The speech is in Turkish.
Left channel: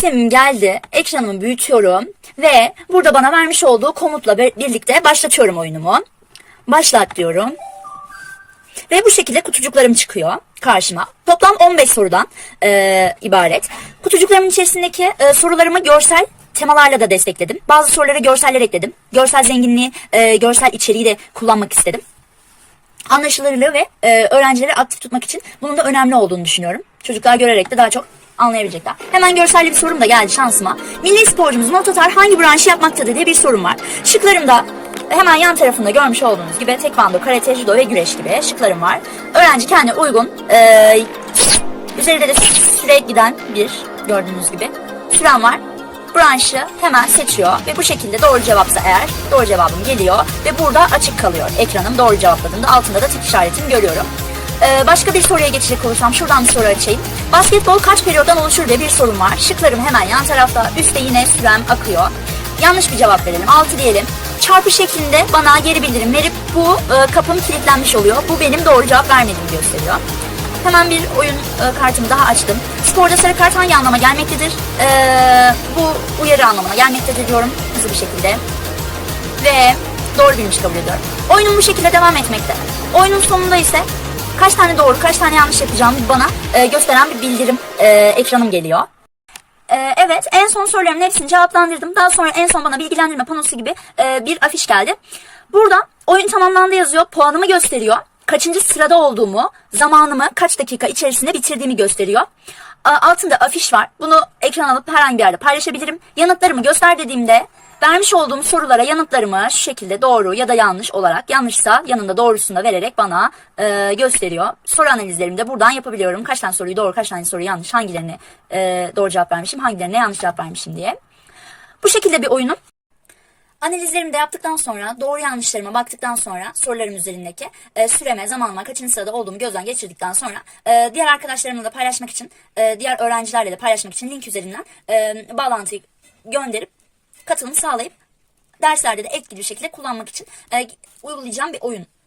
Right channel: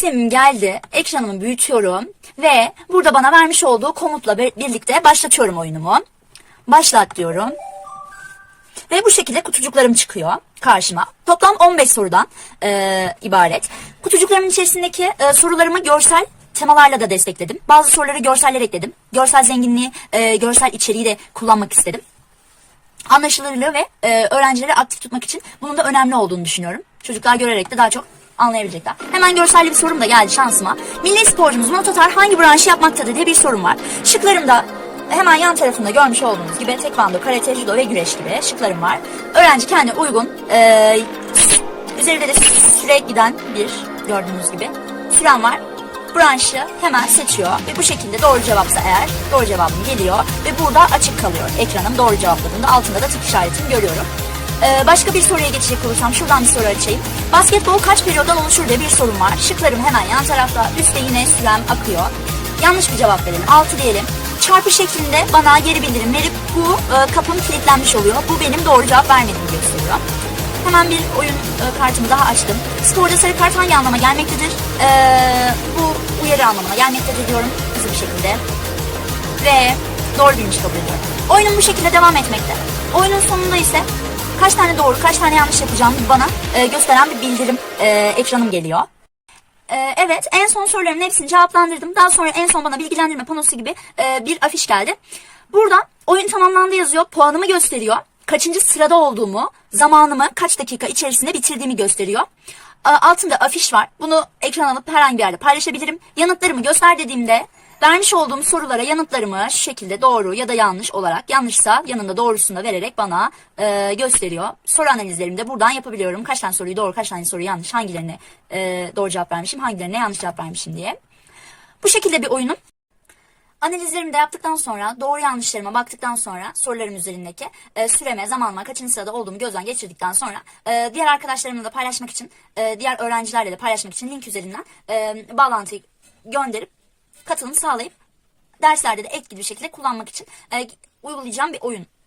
sistemim geldi. Ekranımı büyütüyorum ve burada bana vermiş olduğu komutla bir- birlikte başlatıyorum oyunumu. Başlat diyorum. Ve bu şekilde kutucuklarım çıkıyor karşıma. Toplam 15 sorudan e, ibaret. Kutucuklarımın içerisindeki e, sorularımı görsel temalarla da destekledim. Bazı sorulara görseller ekledim. Görsel zenginliği, e, görsel içeriği de kullanmak istedim. Anlaşılırlığı ve e, öğrencileri aktif tutmak için bunun da önemli olduğunu düşünüyorum. Çocuklar görerek de daha çok anlayabilecekler. Hemen görselli bir sorum da geldi şansıma. Milli sporcumuz Mototar hangi branşı yapmaktadır diye bir sorum var. Şıklarımda hemen yan tarafında görmüş olduğunuz gibi tekvando, karate, judo ve güreş gibi şıklarım var. Öğrenci kendine uygun, e, üzerinde de süre giden bir gördüğünüz gibi süren var. Branşı hemen seçiyor ve bu şekilde doğru cevapsa eğer doğru cevabım geliyor ve burada açık kalıyor ekranım doğru cevapladığımda altında da tık işaretini görüyorum. Ee, başka bir soruya geçecek olursam şuradan bir soru açayım. Basketbol kaç periyottan oluşur diye bir sorum var. Şıklarım hemen yan tarafta. Üstte yine sürem akıyor. Yanlış bir cevap verelim. 6 diyelim. Çarpı şeklinde bana geri bildirim verip bu e, kapım kilitlenmiş oluyor. Bu benim doğru cevap vermediğimi gösteriyor. Hemen bir oyun e, kartımı daha açtım. Sporda sarı kart hangi anlama gelmektedir? Ee, bu uyarı anlamına gelmektedir diyorum hızlı bir şekilde. Ve doğru bilmiş kabul ediyorum. Oyunum bu şekilde devam etmekte. Oyunun sonunda ise kaç tane doğru kaç tane yanlış yapacağımı bana e, gösteren bir bildirim e, ekranım geliyor. Ee, evet en son sorularımın hepsini cevaplandırdım. Daha sonra en son bana bilgilendirme panosu gibi e, bir afiş geldi. Burada oyun tamamlandı yazıyor. Puanımı gösteriyor. Kaçıncı sırada olduğumu, zamanımı kaç dakika içerisinde bitirdiğimi gösteriyor. A- Altında afiş var. Bunu ekran alıp herhangi bir yerde paylaşabilirim. Yanıtlarımı göster dediğimde vermiş olduğum sorulara yanıtlarımı şu şekilde doğru ya da yanlış olarak yanlışsa yanında doğrusunu da vererek bana e, gösteriyor. Soru analizlerimi de buradan yapabiliyorum. Kaç tane soruyu doğru, kaç tane soruyu yanlış, hangilerine e, doğru cevap vermişim, hangilerine yanlış cevap vermişim diye. Bu şekilde bir oyunum. Analizlerimi de yaptıktan sonra, doğru yanlışlarıma baktıktan sonra sorularım üzerindeki e, süreme, zamanıma, kaçıncı sırada olduğumu gözden geçirdikten sonra e, diğer arkadaşlarımla da paylaşmak için, e, diğer öğrencilerle de paylaşmak için link üzerinden e, bağlantıyı gönderip katılım sağlayıp derslerde de etkili bir şekilde kullanmak için e, uygulayacağım bir oyun